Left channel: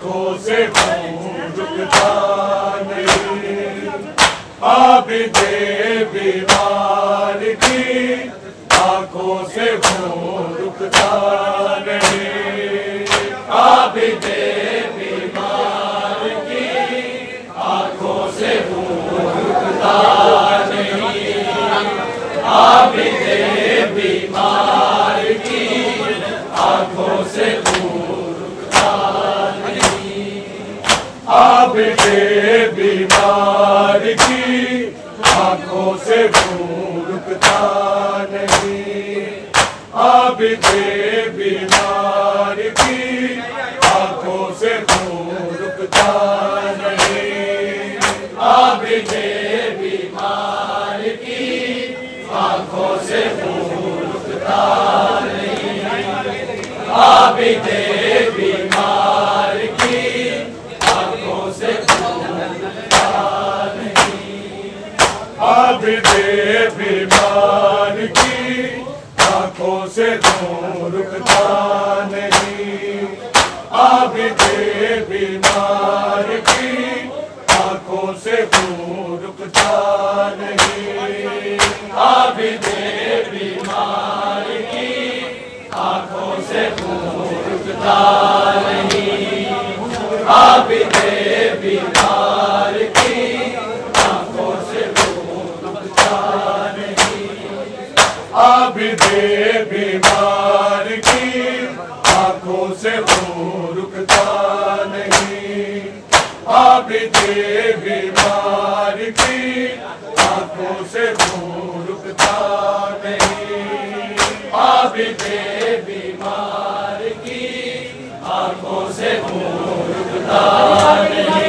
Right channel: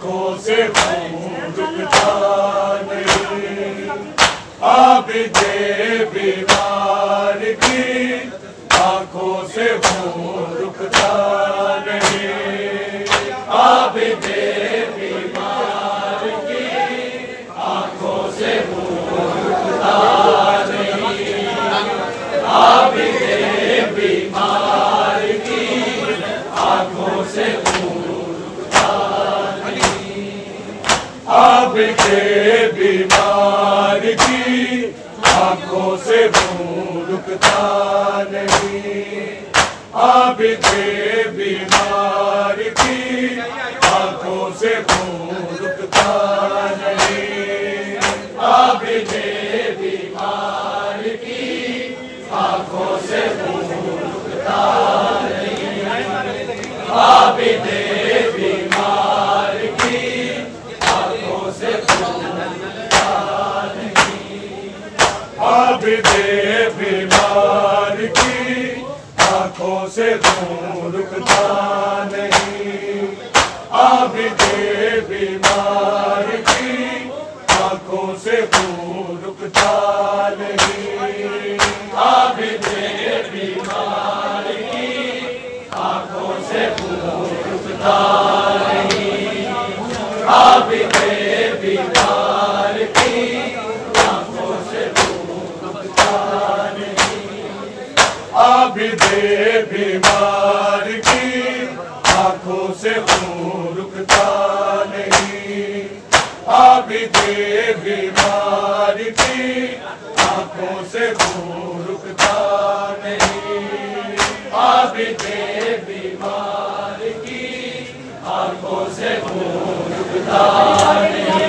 आंखों से खून रुकता नहीं, आबिदे बीमार की आंखों से खून रुकता नहीं, आबिदे बीमार की आंखों से खून रुकता नहीं, आबिदे बीमार की आंखों से आबिदे बीमार की आंखों से खून रुकता नहीं, आबिदे बीमार की आंखों से खून रुकता नहीं, आबिदे बीमार की आंखों से खून रुकता नहीं, आबिदे बीमार की आबिदे बीमार की आंखों से खून रुकता नहीं, आबिदे बीमार की आंखों से खून रुकता नहीं, आबिदे बीमार की आंखों से खून रुकता नहीं, आबिदे बीमार की आंखों से आबिदे बीमार की आंखों से खून रुकता नहीं, आबिदे बीमार की आंखों से खून रुकता नहीं, आबिदे बीमार की आंखों से खून रुकता नहीं,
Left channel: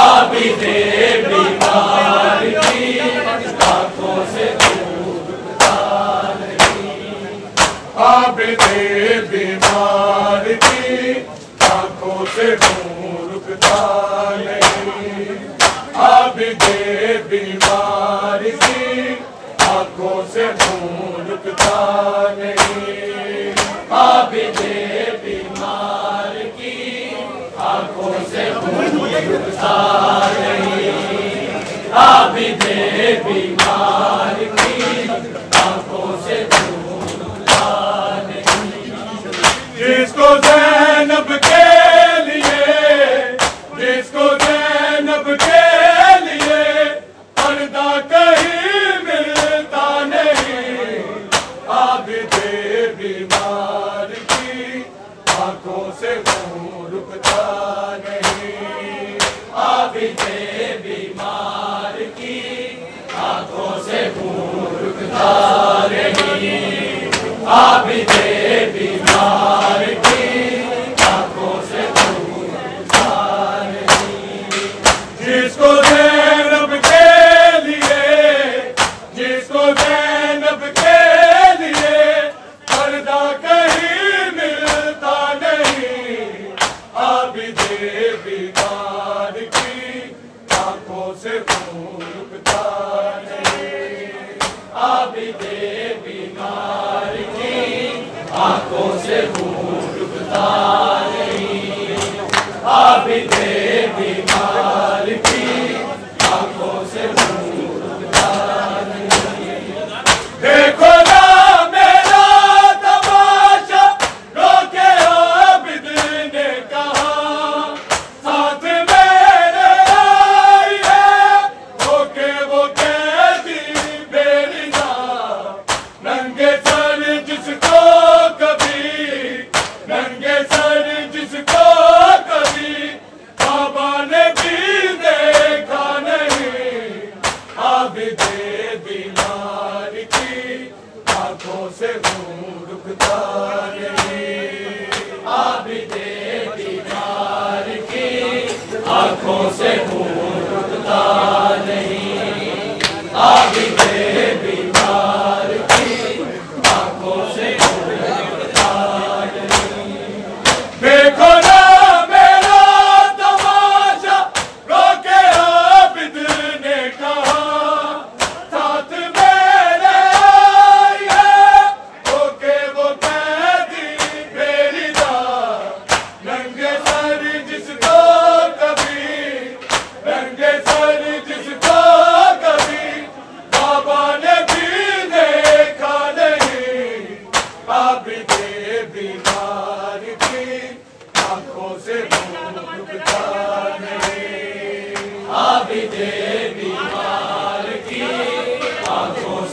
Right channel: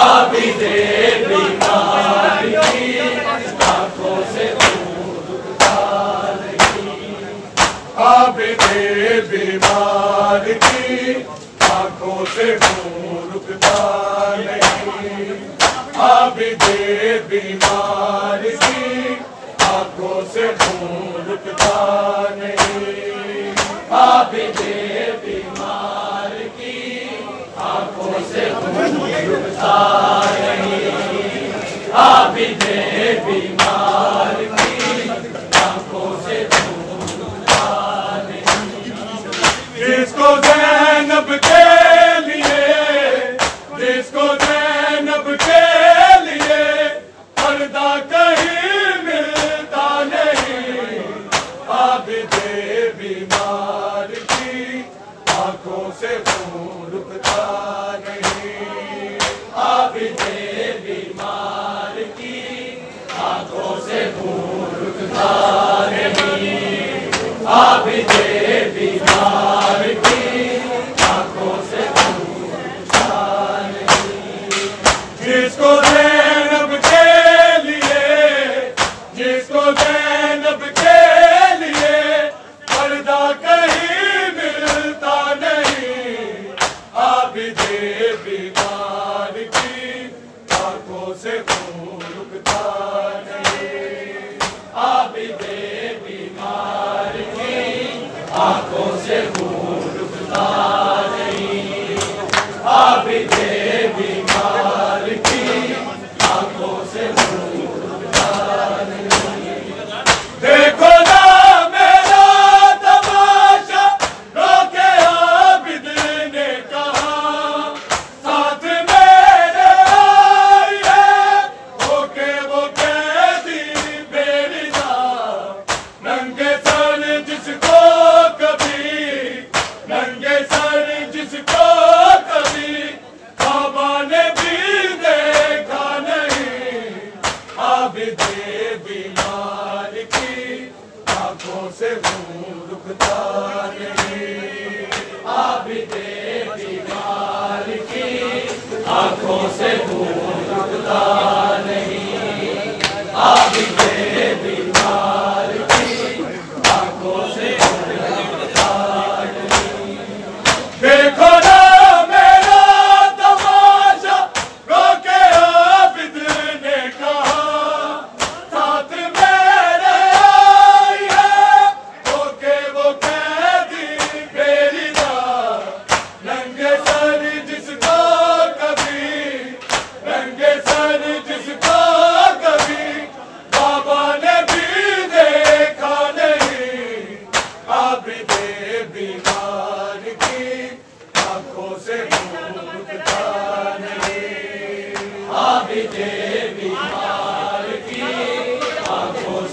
आबिदे बीमार की आंखों से आबिदे बीमार की आंखों से खून रुकता नहीं, आबिदे बीमार की आंखों से खून रुकता नहीं, आबिदे बीमार की आंखों से खून रुकता नहीं, आबिदे बीमार की आंखों से जिसको ज़ैनब के लिए, जिसको ज़ैनब के लिए पर्दा कहीं मिलता नहीं, आबिदे बीमार की आंखों से खून रुकता नहीं, आबिदे बीमार की आंखों से खून रुकता नहीं, आबिदे बीमार की आंखों से खून रुकता नहीं, जिसको ज़ैनब के लिए, जिसको ज़ैनब के लिए पर्दा कहीं मिलता नहीं, आबिदे बीमार की आंखों से खून रुकता नहीं, आबिदे बीमार की आंखों से खून रुकता नहीं, आबिदे बीमार की आंखों से खून रुकता नहीं। देखो ना मेरा तमाशा, रोके आबिद ने कहा, साथ मेरे आई है होके वो कैदी बेरिजा, नंगे सर जिसको कभी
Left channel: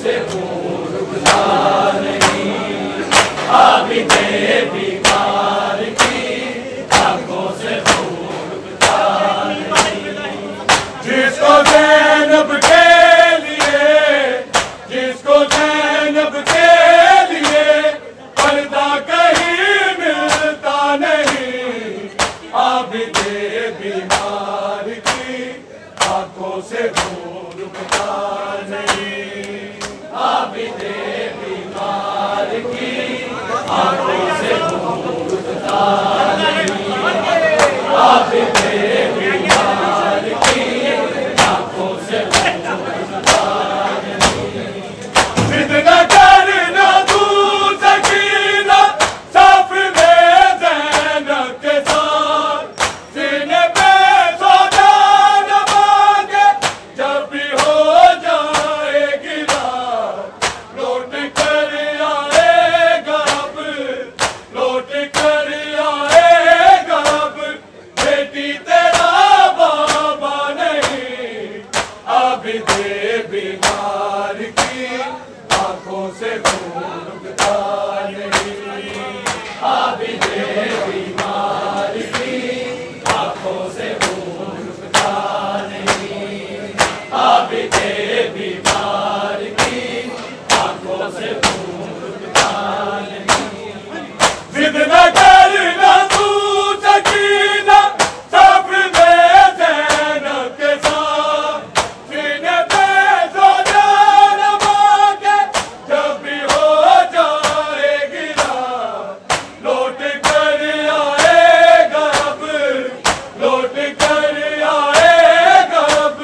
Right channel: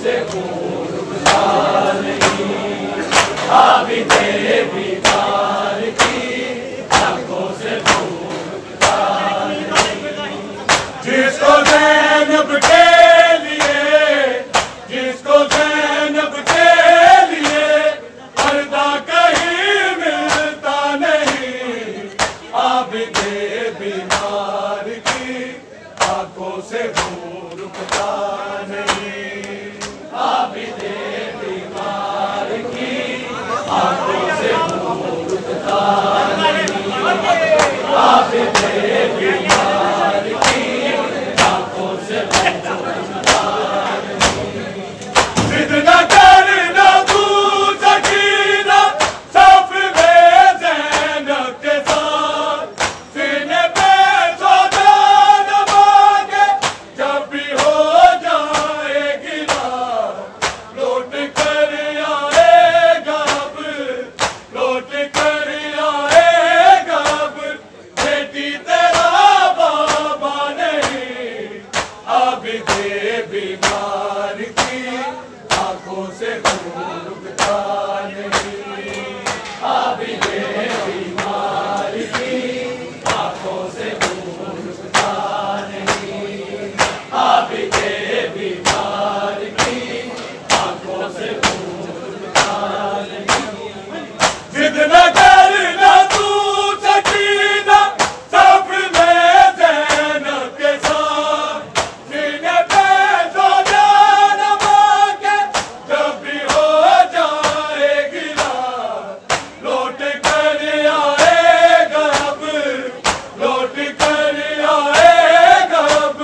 से खून रुकता नहीं, आबिदे बीमार की आंखों से खून रुकता नहीं। जिसको ज़ैनब के लिए, जिसको ज़ैनब के लिए पर्दा कहीं मिलता नहीं, आबिदे बीमार की आंखों से खून रुकता नहीं, आबिदे बीमार की आंखों से खून रुकता नहीं, आबिदे बीमार की आंखों से खून रुकता नहीं। जिद न करना तू सकीना साफ में ज़ैनब के साथ, सीने पे सौदा न मांगे जब भी हो जाएगी रात, लौट कर आएगा अब, लौट कर आएगा अब, बेटी तेरा बाबा नहीं, आबिदे बीमार की आंखों से खून रुकता नहीं, आबिदे बीमार की आंखों से खून रुकता नहीं, आबिदे बीमार की आंखों से खून रुकता नहीं। जिद न करना तू सकीना साफ में ज़ैनब के साथ, सीने पे सौदा न मांगे जब भी हो जाएगी रात, लौट कर आएगा अब, लौट कर आएगा अब,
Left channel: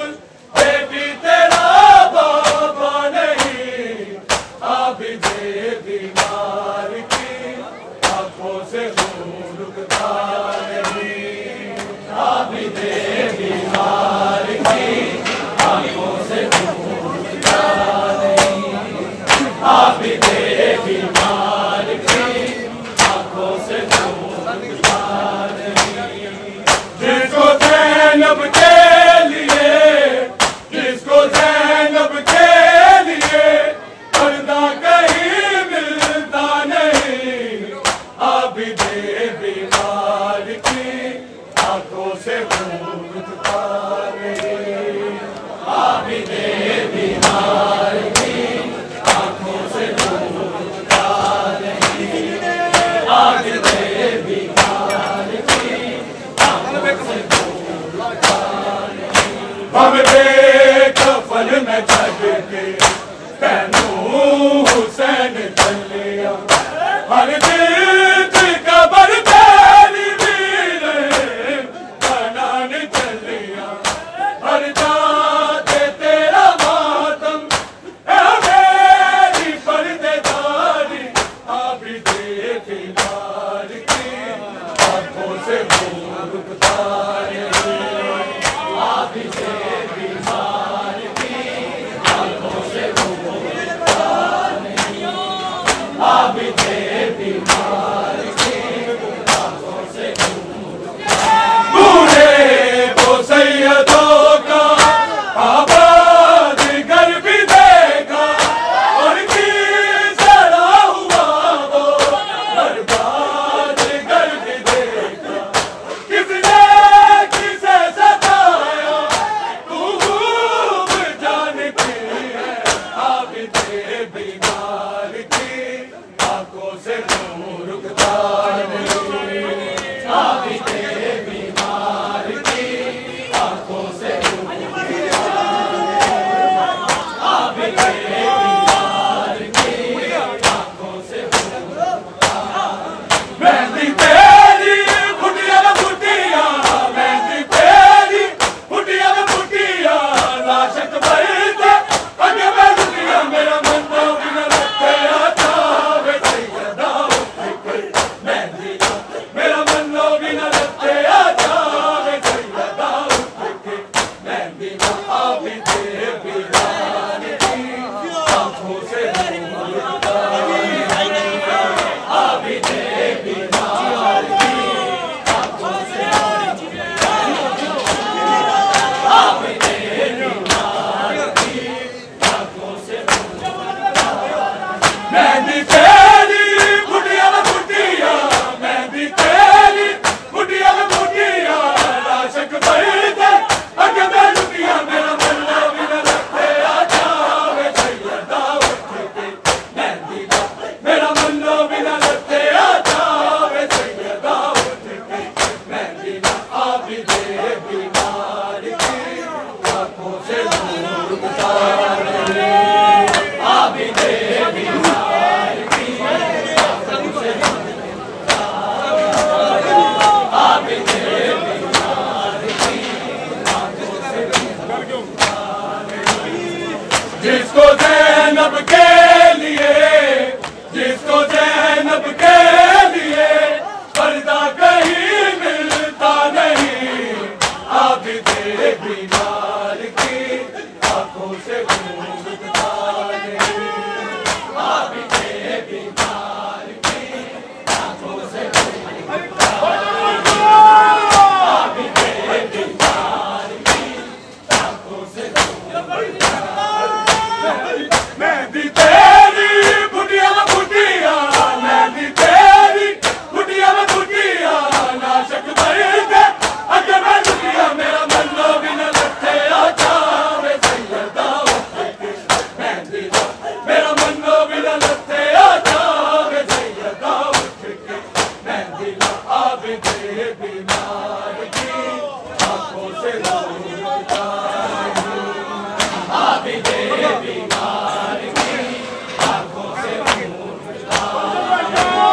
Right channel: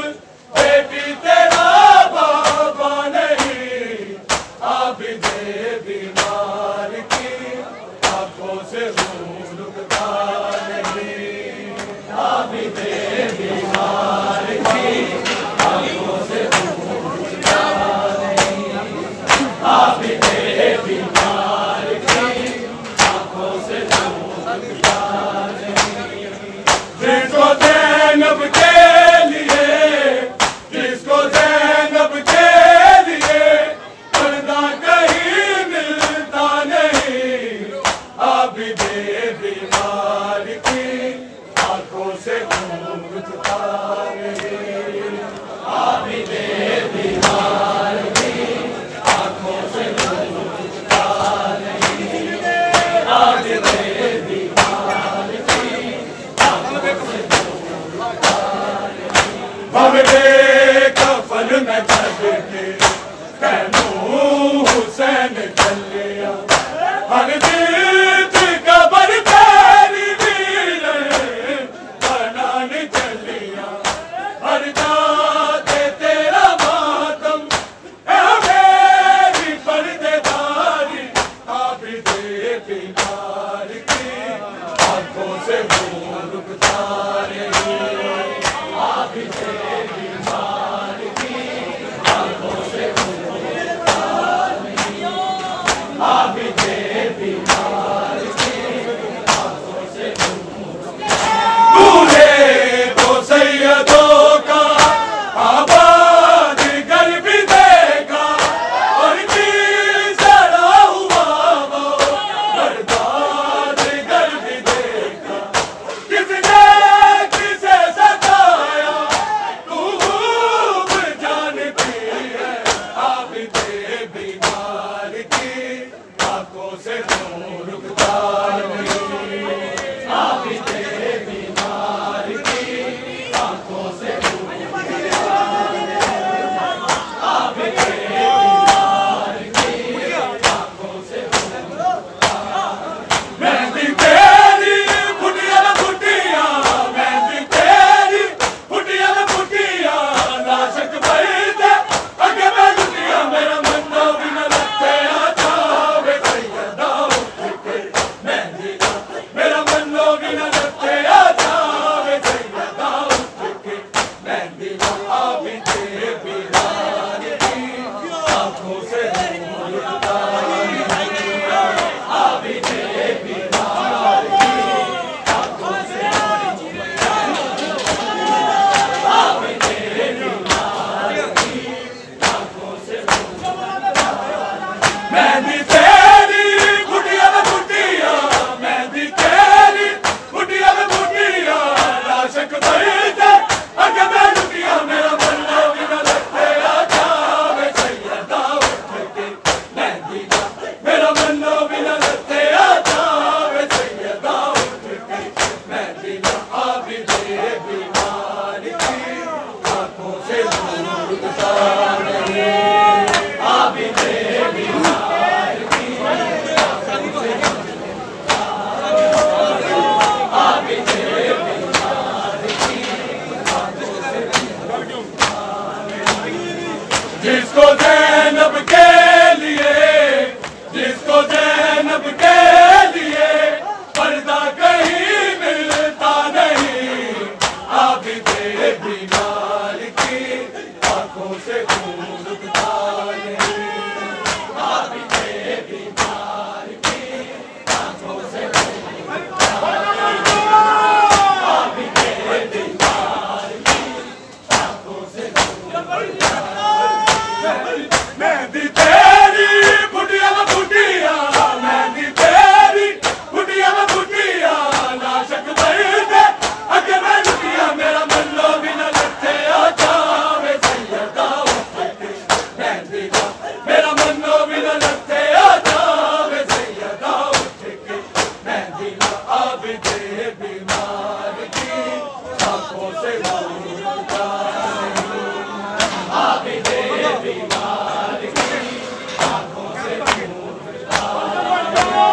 बेटी तेरा बाबा नहीं, आबिदे बीमार की आंखों से खून रुकता नहीं, आबिदे बीमार की आंखों से खून रुकता नहीं, आबिदे बीमार की आंखों से खून रुकता नहीं। जिसको ज़ैनब के लिए, जिसको ज़ैनब के लिए पर्दा कहीं मिलता नहीं, आबिदे बीमार की आंखों से खून रुकता नहीं, आबिदे बीमार की आंखों से खून रुकता नहीं, आबिदे बीमार की आंखों से खून रुकता नहीं। हम बेकफन में छड़ के तैनू हुसैन चलिया, हर जीत कबर तेरी वीर बनान चलिया, हर जाते तेरा मातम है मेरी पर्देदारी, आबिदे बीमार की आंखों से खून रुकता नहीं, आबिदे बीमार की आंखों से खून रुकता नहीं, आबिदे बीमार की आंखों से खून रुकता नहीं। तूने तो सैयदों का आबाद घर भी देखा, और किस तरह हुआ वो बर्बाद घर भी देखा, किसने किसे सताया तू खूब जानती है, आबिदे बीमार की आंखों से खून रुकता नहीं, आबिदे बीमार की आंखों से खून रुकता नहीं, आबिदे बीमार की आंखों से खून रुकता नहीं। मेहंदी तेरी फुटिया न फुटिया, मेहंदी तेरी फुटिया न फुटिया, नाशक बैठे आगे मैं लुटिया, मेरा मन तो बिना लगते आता वे सैयदा मेहंदी तेरी बुढ़िया में बुढ़िया, मेहंदी तेरी बुढ़िया में बुढ़िया, आशिक बढ़ते अगे मैं लुटिया, मेरा मन्ना बिना लगते जावे सैयदा उठ के मेहंदी का, मेरा मन्ना बिना लगते जावे सैयदा उठ के मेहंदी का। आबिदे बीमार की आंखों से नूर उतार नहीं, आबिदे बीमार की आंखों से आबिदे बीमार की आंखों से। जिसको ज़ैनब के लिए, जिसको ज़ैनब के लिए पर्दा कहीं मिलता नहीं, आबिदे बीमार की आंखों से नूर उतार नहीं, आबिदे बीमार की आंखों से नूर उतार नहीं, आबिदे बीमार की आंखों से नूर उतार नहीं। मेहंदी तेरी बुढ़िया में बुढ़िया, मेहंदी तेरी बुढ़िया में बुढ़िया, नाशक बढ़ते अगे मैं लुटिया, मेरा मन्नो बिना लगते जावे सैयदा उठ के मेहंदी का, मेरा मन्नो बिना लगते जावे सैयदा उठ के मेहंदी का। आबिदे बीमार की आंखों से नूर उतार नहीं, आबिदे बीमार की आंखों से नूर उतार नहीं,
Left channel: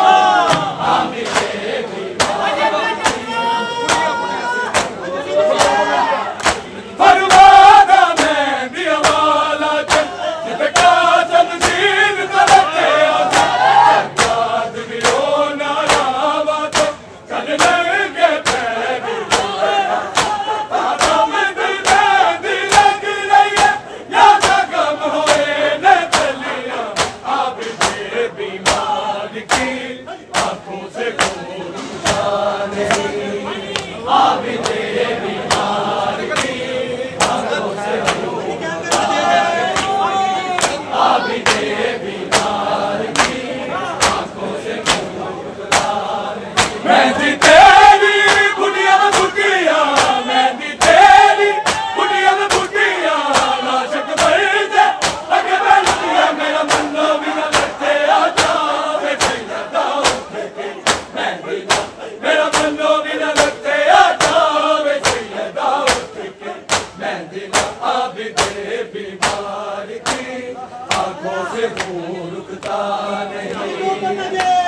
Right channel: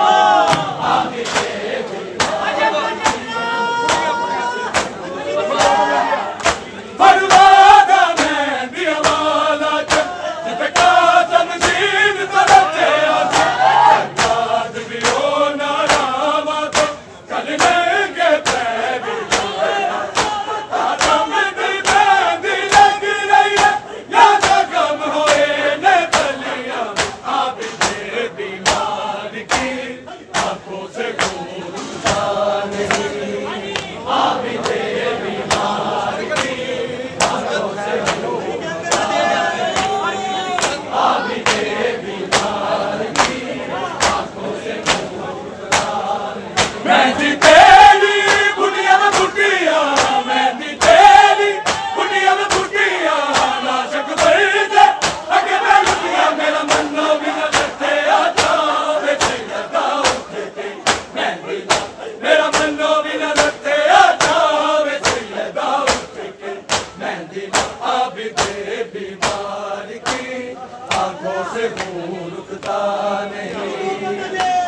आबिदे बीमार फरमादा मेहंदी वाला चल, जिसका तमजीद करते आजा, सज्जाद भी हो ना रामा तो चल लेंगे तेरी दुनिया, आदम दी मेहंदी लग रही है या जगम होए न चलिया, आबिदे बीमार की आंखों से नूर उतार नहीं, आबिदे बीमार की आंखों से नूर उतार नहीं, आबिदे बीमार की आंखों से नूर उतार नहीं। मेहंदी तेरी बुढ़िया में बुढ़िया, मेहंदी तेरी बुढ़िया में बुढ़िया, नाशक बढ़ते अगे मैं लुटिया, मेरा मन्नो बिना लगते जावे सैयदा उठ के मेहंदी का, मेरा मन्नो बिना लगते जावे सैयदा उठ के मेहंदी का। आबिदे बीमार की आंखों से नूर उठता नहीं,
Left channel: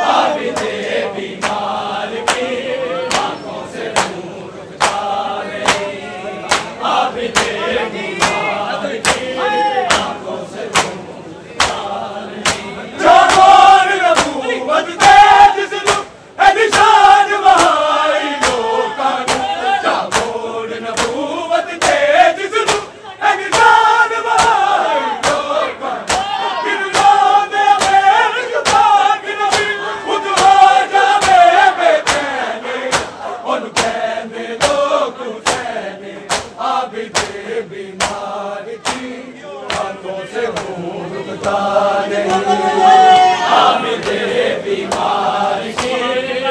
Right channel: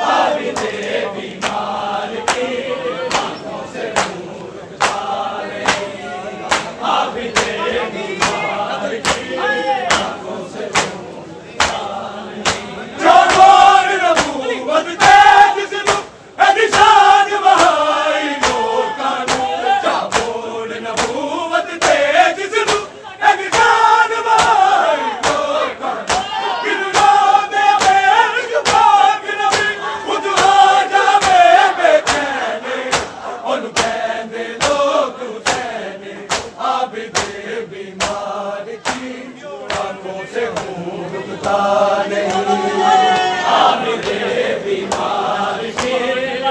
आबिदे बीमार की आंखों से नूर उठता नहीं, आबिदे बीमार की आंखों से नूर उठता नहीं। जागोर नबूवत दे जिसनू है निशान बहाई लोकां नू, जागोर नबूवत दे जिसनू है निशान बहाई लोकां नू, किन्नों दे मेल पाक नबी उजड़ा जावे बेचैनी, उन कहने लोग हुसैनी, आबिदे बीमार की आंखों से नूर उठता नहीं, आबिदे बीमार की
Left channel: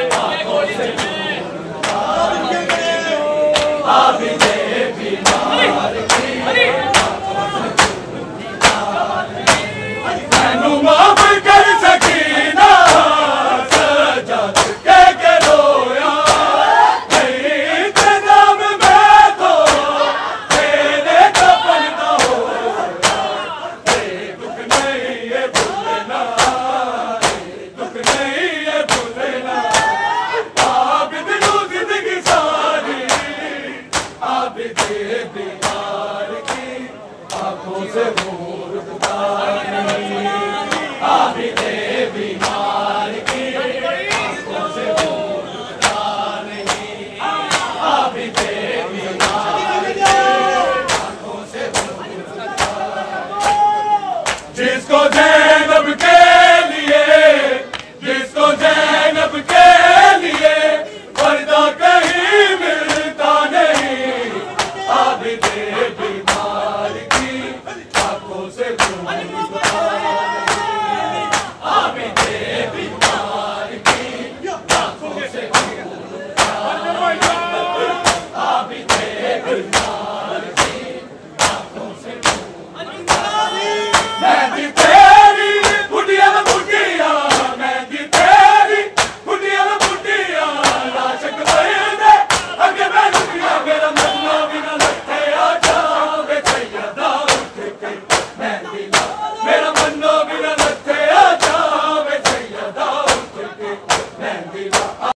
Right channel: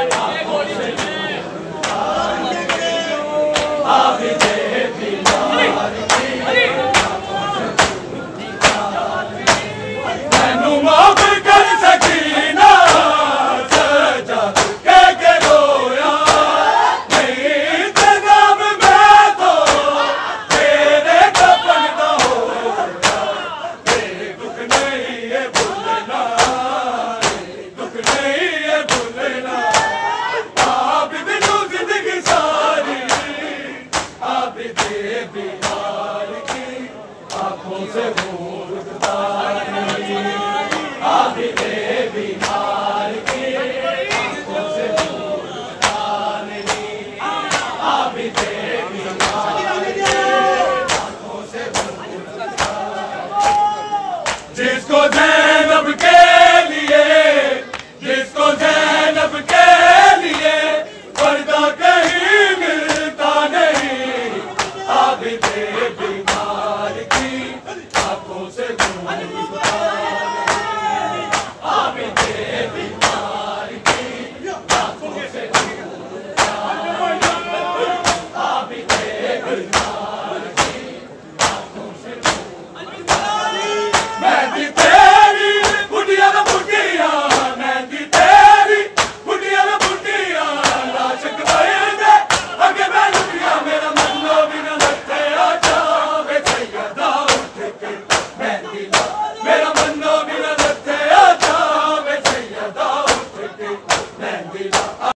आंखों से नूर उठता नहीं, आबिदे बीमार की आंखों से नूर उठता नहीं। मैनू माफ कर सकीना सज्जाद के रोया, नहीं इंतजाम मैं तो तेरे कफन दा होया, ये दुख नहीं ये भूलना, ये दुख नहीं ये भूलना, आबिद नू जिंदगी सारी, आबिदे बीमार की आंखों से नूर उठता नहीं, आबिदे बीमार की आंखों से नूर उठता नहीं, आबिदे बीमार की आंखों से नूर उठता नहीं। जिसको ज़ैनब के लिए, जिसको ज़ैनब के लिए पर्दा कहीं मिलता नहीं, आबिदे बीमार की आंखों से नूर उठता नहीं, बीमार